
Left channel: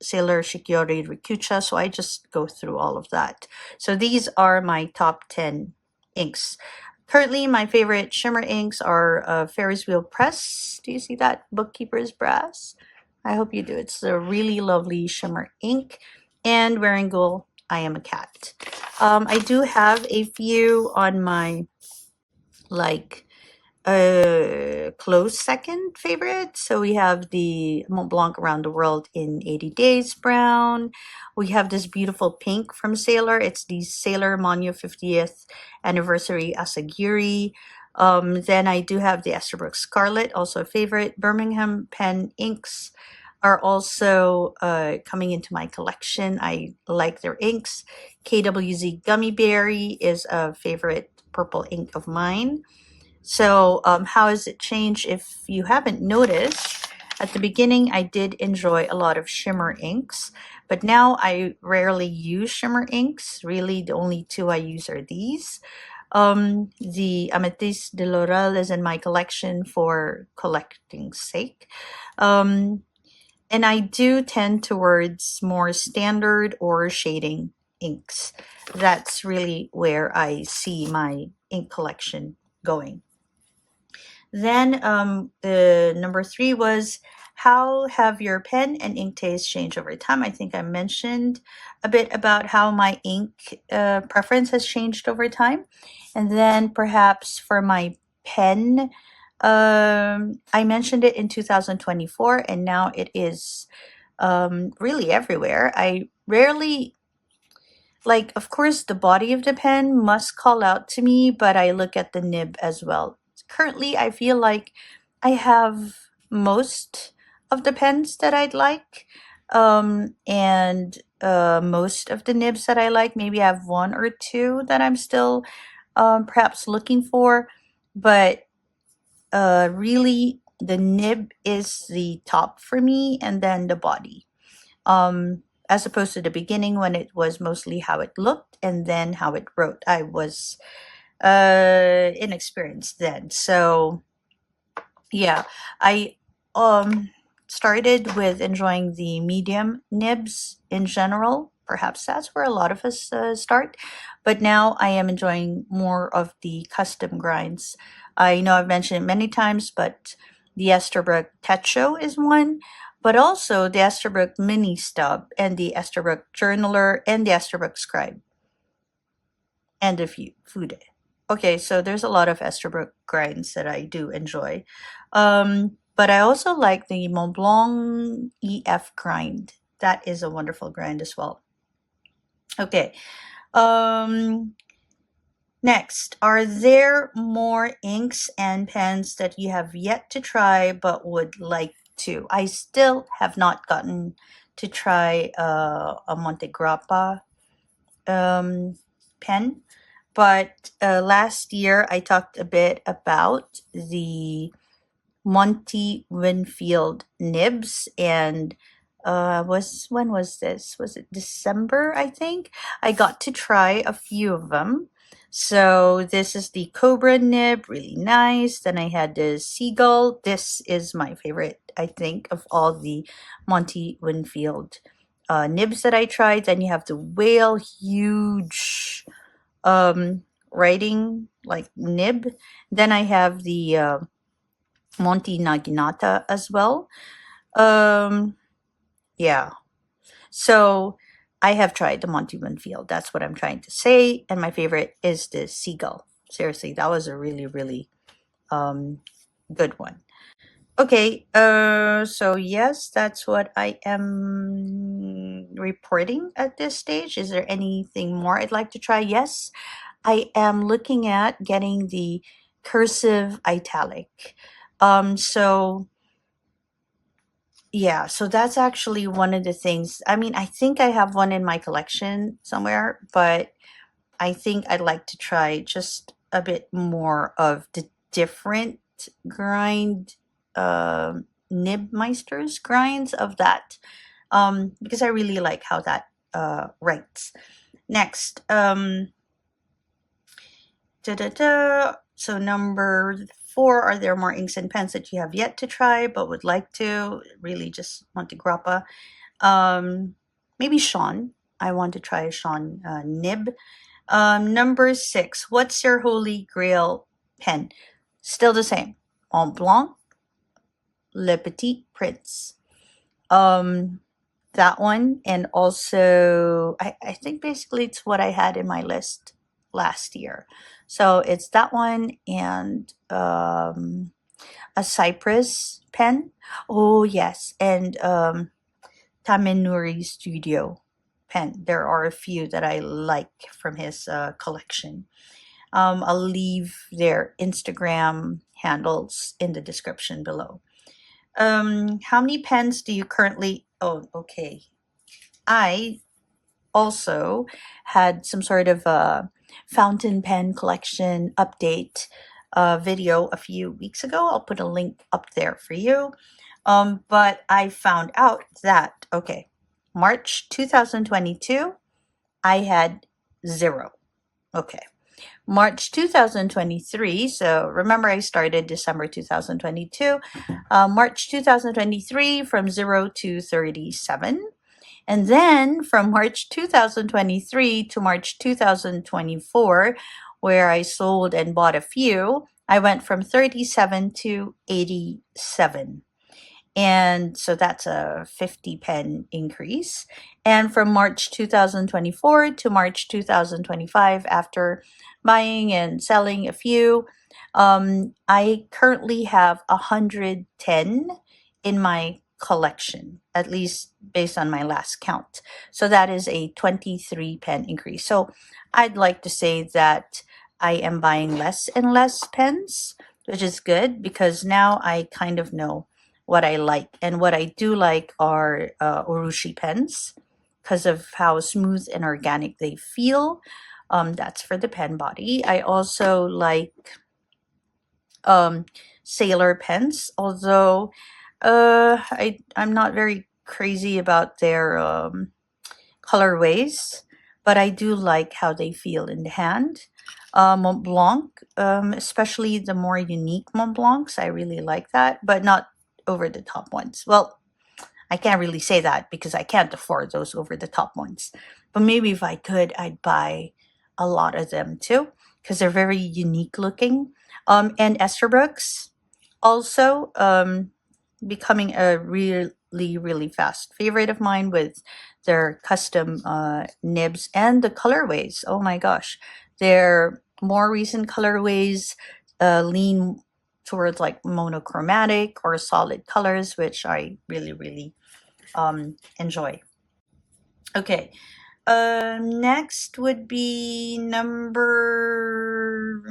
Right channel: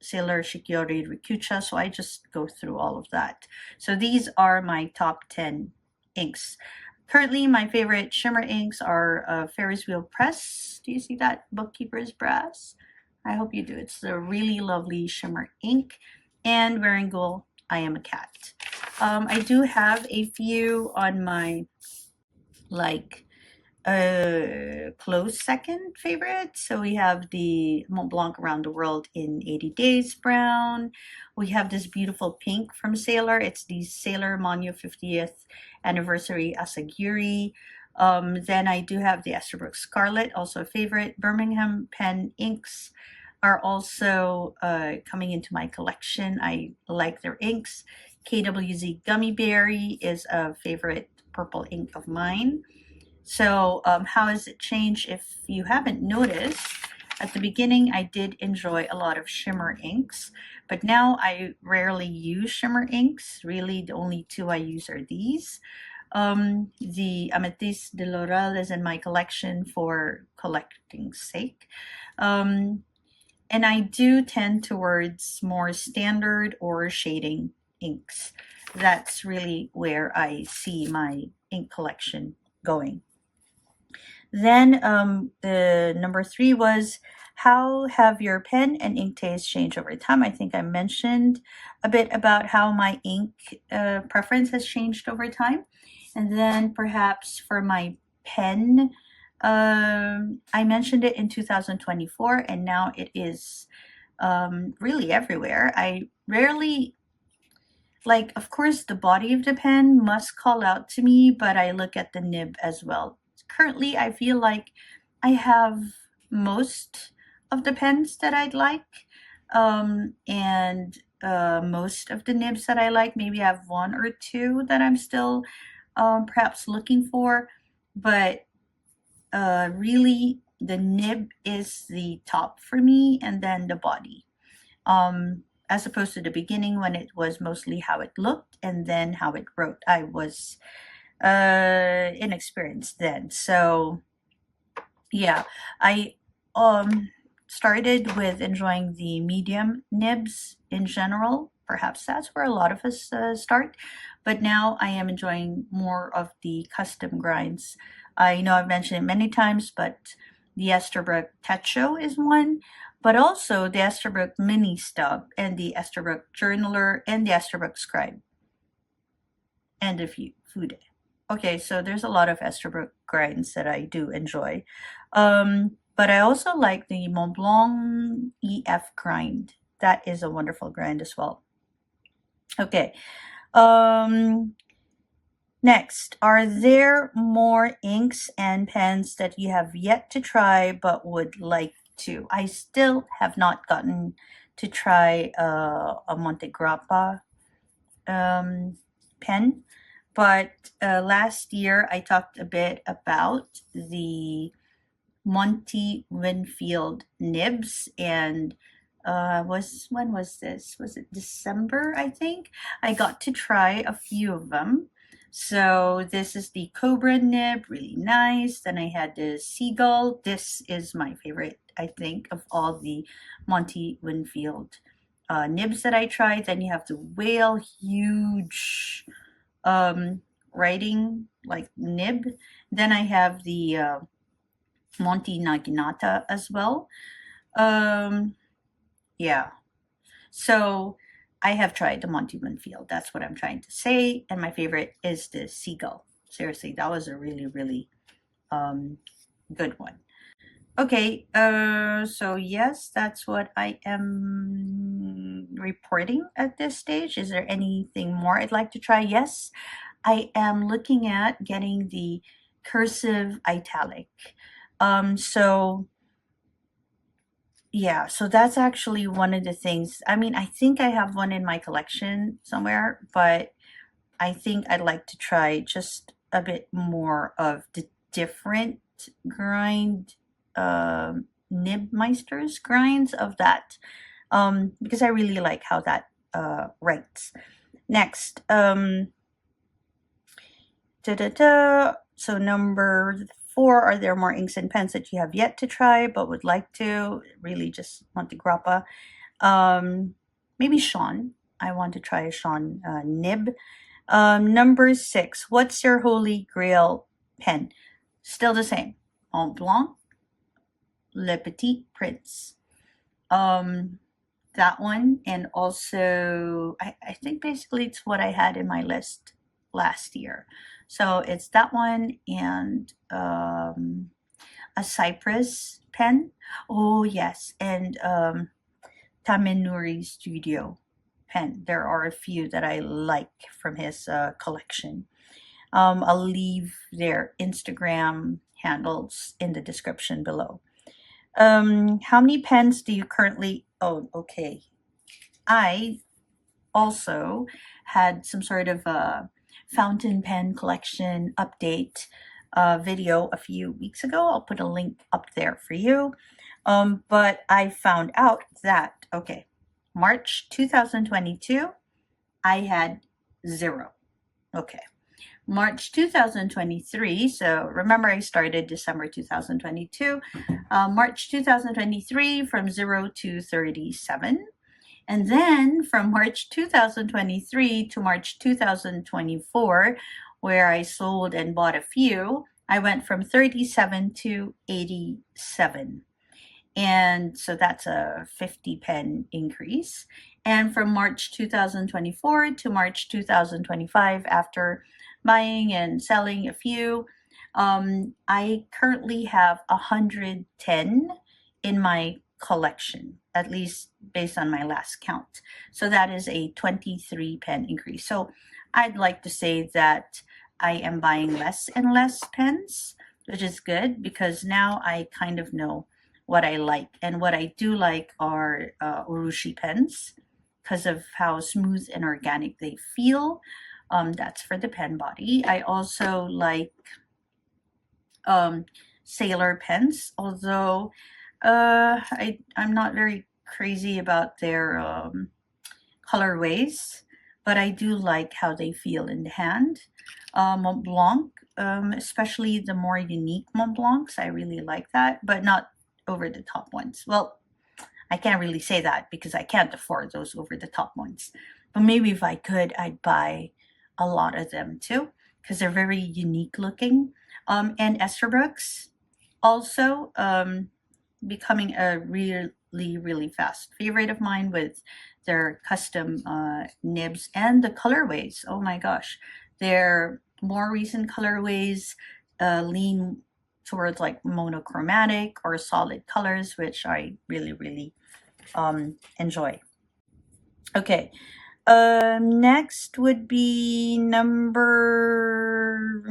Sailor Shikiori Rikucha. So I just go through all of that. So these are my top 10 inks. Currently, my favorite shimmer inks are Ferris Wheel Press. Do you see that? Bookkeeper's Brass. I hope you do. It's a really lovely shimmer ink. And Wearingeul, I Am a Cat. I do have a few on my, like, close second favorite. So we have the Mont Blanc Around the World in 80 Days Brown. We have this beautiful pink from Sailor. It's the Sailor Manu 50th Anniversary Asagiri. Then I do have the Esterbrook Scarlet, also a favorite. Birmingham pen inks are also coming into my collection. I like their inks. KWZ Gummy Berry is a favorite purple ink of mine. So how has it changed? If you haven't noticed, at the beginning I did enjoy a lot of shimmer inks, But now I rarely use shimmer inks. Really, the only two I use are these. The Amethyst de Laurel is in my collection for collecting sake. Um, and I do tend towards more standard or shading inks. That's really where I see my ink collection going. Then the number 3 was, how have your pen and ink taste changed over time? I think I mentioned a bit about how my ink preference has changed over time. And then perhaps for my pen, I mentioned it in 2024, and now it is really everywhere. I rarely, like, of course, the body of the pen must call out to me, but I look at the nib as well. Currently, I feel like I have most of the pens that I'd like, and most of the nibs that I like. Maybe I have one or two that I'm still perhaps looking for, but really the nib is the top for me, and then the body. As opposed to the beginning when it was mostly how it looked and then how it wrote. I was inexperienced then. So yeah, I started with enjoying the medium nibs in general. Perhaps that's where a lot of us start. But now I am enjoying more of the custom grinds. I know I've mentioned it many times, but the Esterbrook Techo is one, but also the Esterbrook Mini Stub and the Esterbrook Journaler and the Esterbrook Scribe and the Fude. Okay, so there's a lot of Esterbrook grinds that I do enjoy. But I also like the Montblanc EF grind. That is a wonderful grind as well. Okay. Next, are there more inks and pens that you have yet to try but would like to? I still have not gotten to try a Montegrappa pen, but last year I talked a bit about the Monty Winfield nibs, and when was this? Was it December? I think I got to try a few of them. So this is the Cobra nib, really nice. Then I had the Seagull. This is my favorite, I think, of all the Monty Winfield nibs that I tried. Then you have the Whale, huge writing like nib. Then I have the Monty Naginata as well. Yeah. So I have tried the Monty Winfield. That's what I'm trying to say. And my favorite is the Seagull. Seriously, that was a really, really good one. Okay, so yes, that's what I am reporting at this stage. Is there anything more I'd like to try? Yes, I am looking at getting the cursive italic. So yeah, so that's actually one of the things. I mean, I think I have one in my collection somewhere, but I think I'd like to try just a bit more of the different grind, Nibmeisters grinds of that, because I really like how that writes. Next, so number 4, are there more inks and pens that you have yet to try but would like to? Really just Montegrappa. Maybe Sean. I want to try a Sean nib. Number 6, what's your holy grail pen? Still the same. Montblanc, Le Petit Prince. That one, and also I think basically it's what I had in my list last year. So it's that one and a Cypress pen. Oh yes, and Tamenuri Studio pen. There are a few that I like from his collection. I'll leave their Instagram handles in the description below. How many pens do you currently own? Okay. I also had some sort of a fountain pen collection update video a few weeks ago. I'll put a link up there for you. But I found out that, okay, March 2022, I had 0. Okay. March 2023, so remember I started December 2022, March 2023 from 0 to 37. And then from March 2023 to March 2024, where I sold and bought a few, I went from 37 to 87. And so that's a 50 pen increase. And from March 2024 to March 2025, after buying and selling a few, I currently have 110 in my collection, at least based on my last count. So that is a 23 pen increase. So I'd like to say that I am buying less and less pens, which is good because now I kind of know what I like. And what I do like are Urushi pens because of how smooth and organic they feel. That's for the pen body. I also like Sailor pens, although I'm not very crazy about their colorways, but I do like how they feel in the hand. Mont Blanc, especially the more unique Mont Blancs, I really like that, but not over the top ones. Well, I can't really say that because I can't afford those over the top ones. But maybe if I could, I'd buy a lot of them too because they're very unique looking. And Esterbrook's also becoming a really fast favorite of mine with their custom nibs and the colorways. Oh my gosh, their more recent colorways lean towards like monochromatic or solid colors, which I really enjoy. Okay, next would be number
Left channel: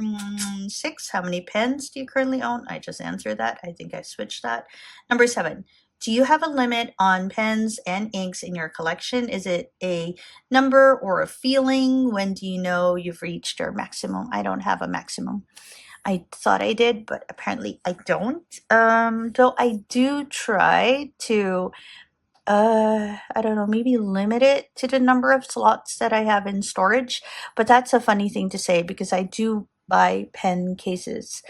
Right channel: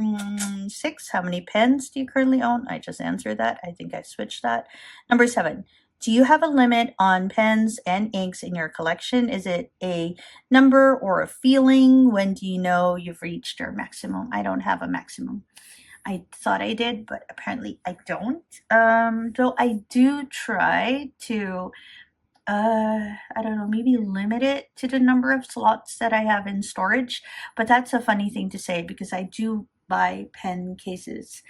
6. How many pens do you currently own? I just answered that. I think I switched that. Number 7. Do you have a limit on pens and inks in your collection? Is it a number or a feeling? When do you know you've reached your maximum? I don't have a maximum. I thought I did, but apparently I don't. Though I do try to I don't know, maybe limit it to the number of slots that I have in storage. But that's a funny thing to say because I do buy pen cases.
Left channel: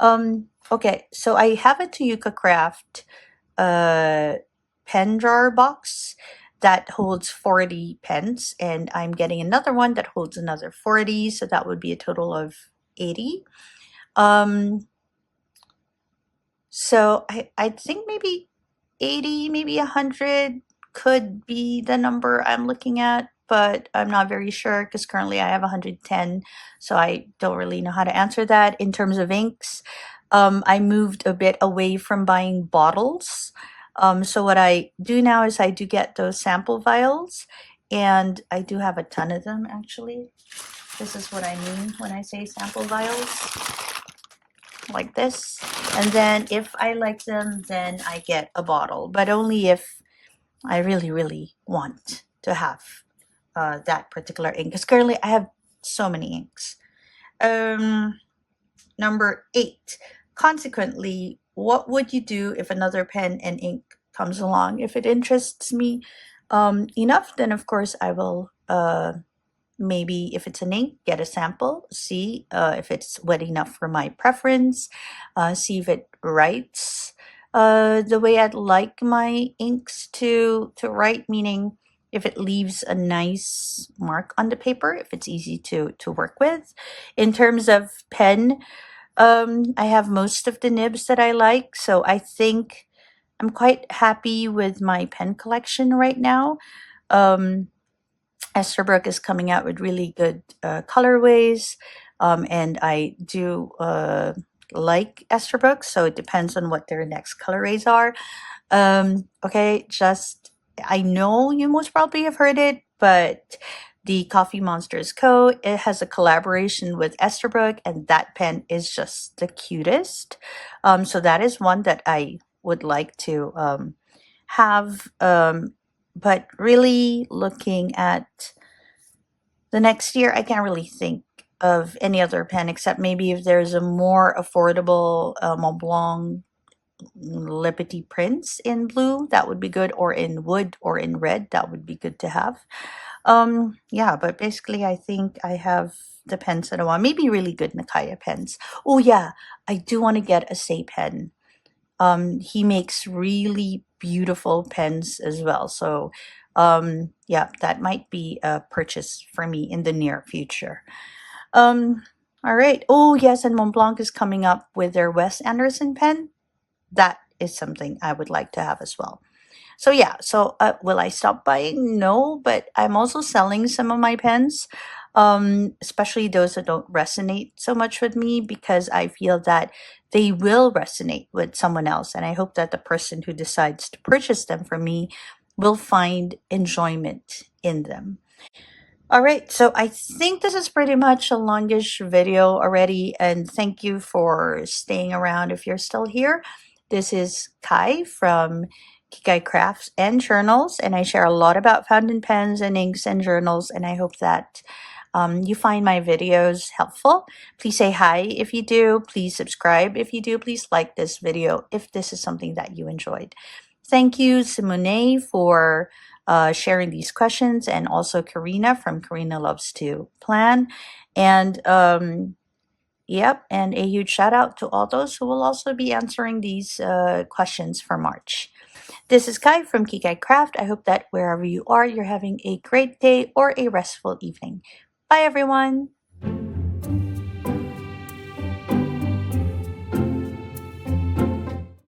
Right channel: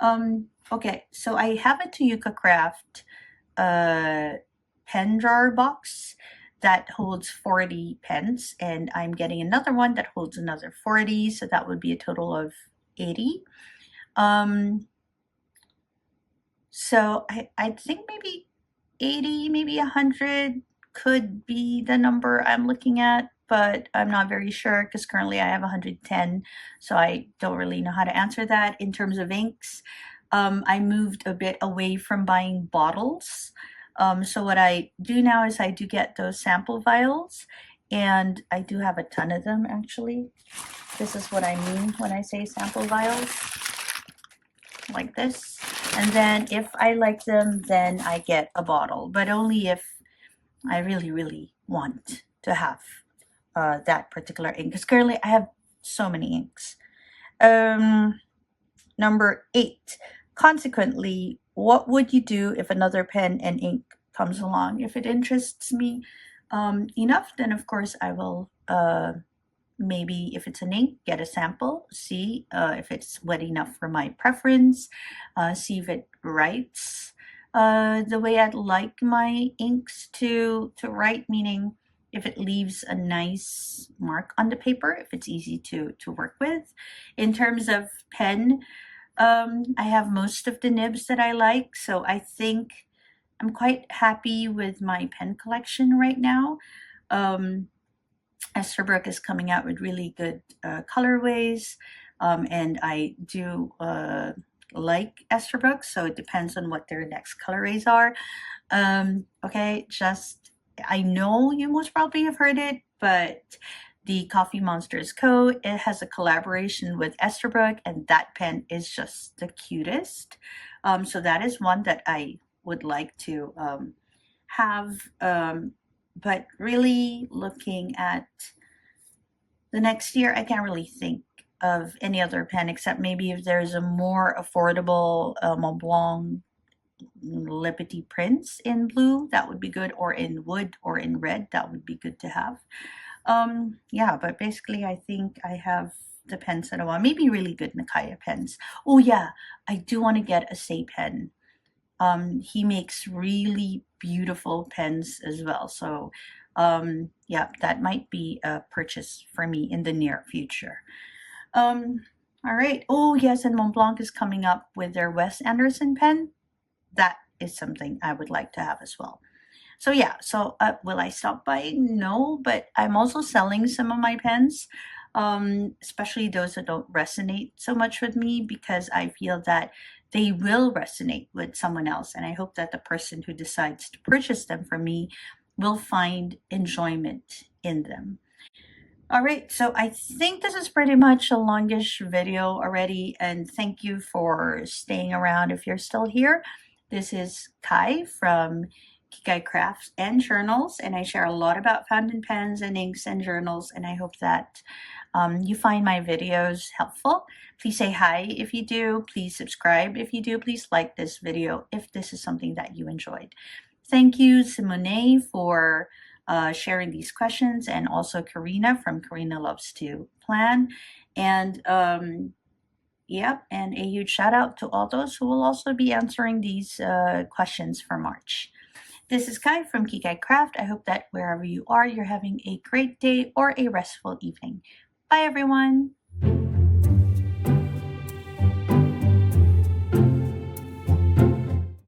Okay, so I have a Toyooka Craft pen drawer box that holds 40 pens, and I'm getting another one that holds another 40, so that would be a total of 80. So I think maybe 80, maybe 100 could be the number I'm looking at, but I'm not very sure because currently I have 110, so I don't really know how to answer that. In terms of inks, I moved a bit away from buying bottles. So what I do now is I do get those sample vials, and I do have a ton of them actually. This is what I mean when I say sample vials, like this. And then if I like them, then I get a bottle, but only if I really want to have that particular ink, because currently I have so many inks. Number 8. Consequently, what would you do if another pen and ink comes along? If it interests me enough, then of course I will maybe if it's an ink, get a sample, see if it's wet enough for my preference, see if it writes the way I'd like my inks to write, meaning if it leaves a nice mark on the paper, if it's easy to work with. In terms of pen, I have most of the nibs that I like, so I think I'm quite happy with my pen collection right now. Esterbrook is coming out with really good colorways, and I do like Esterbrook, so it depends on what their next colorways are. Okay, just I know you most probably have heard it, but the Coffee Monsters Co. It has a collaboration with Esterbrook, and that pen is just the cutest. So that is one that I would like to have. But really looking at the next year, I can't really think of any other pen except maybe if there's a more affordable Mont Blanc Liberty Prince in blue, that would be good, or in wood or in red, that would be good to have. Yeah, but basically I think I have the pens that I want. Maybe really good Nakaya pens. Oh yeah, I do want to get a Say pen. He makes really beautiful pens as well. So yeah, that might be a purchase for me in the near future. All right. Oh yes, and Montblanc is coming up with their Wes Anderson pen. That is something I would like to have as well. So yeah, so will I stop buying? No, but I'm also selling some of my pens, especially those that don't resonate so much with me, because I feel that they will resonate with someone else. And I hope that the person who decides to purchase them from me will find enjoyment in them. All right, so I think this is pretty much a longish video already, and thank you for staying around if you're still here. This is Kai from Kikai Crafts and Journals, and I share a lot about fountain pens and inks and journals, and I hope that you find my videos helpful. Please say hi if you do. Please subscribe if you do. Please like this video if this is something that you enjoyed. Thank you, Simone, for sharing these questions, and also Karina from Karina Loves to Plan. And yep, and a huge shout out to all those who will also be answering these questions for March. This is Kai from Kikai Craft. I hope that wherever you are, you're having a great day or a restful evening. Bye, everyone.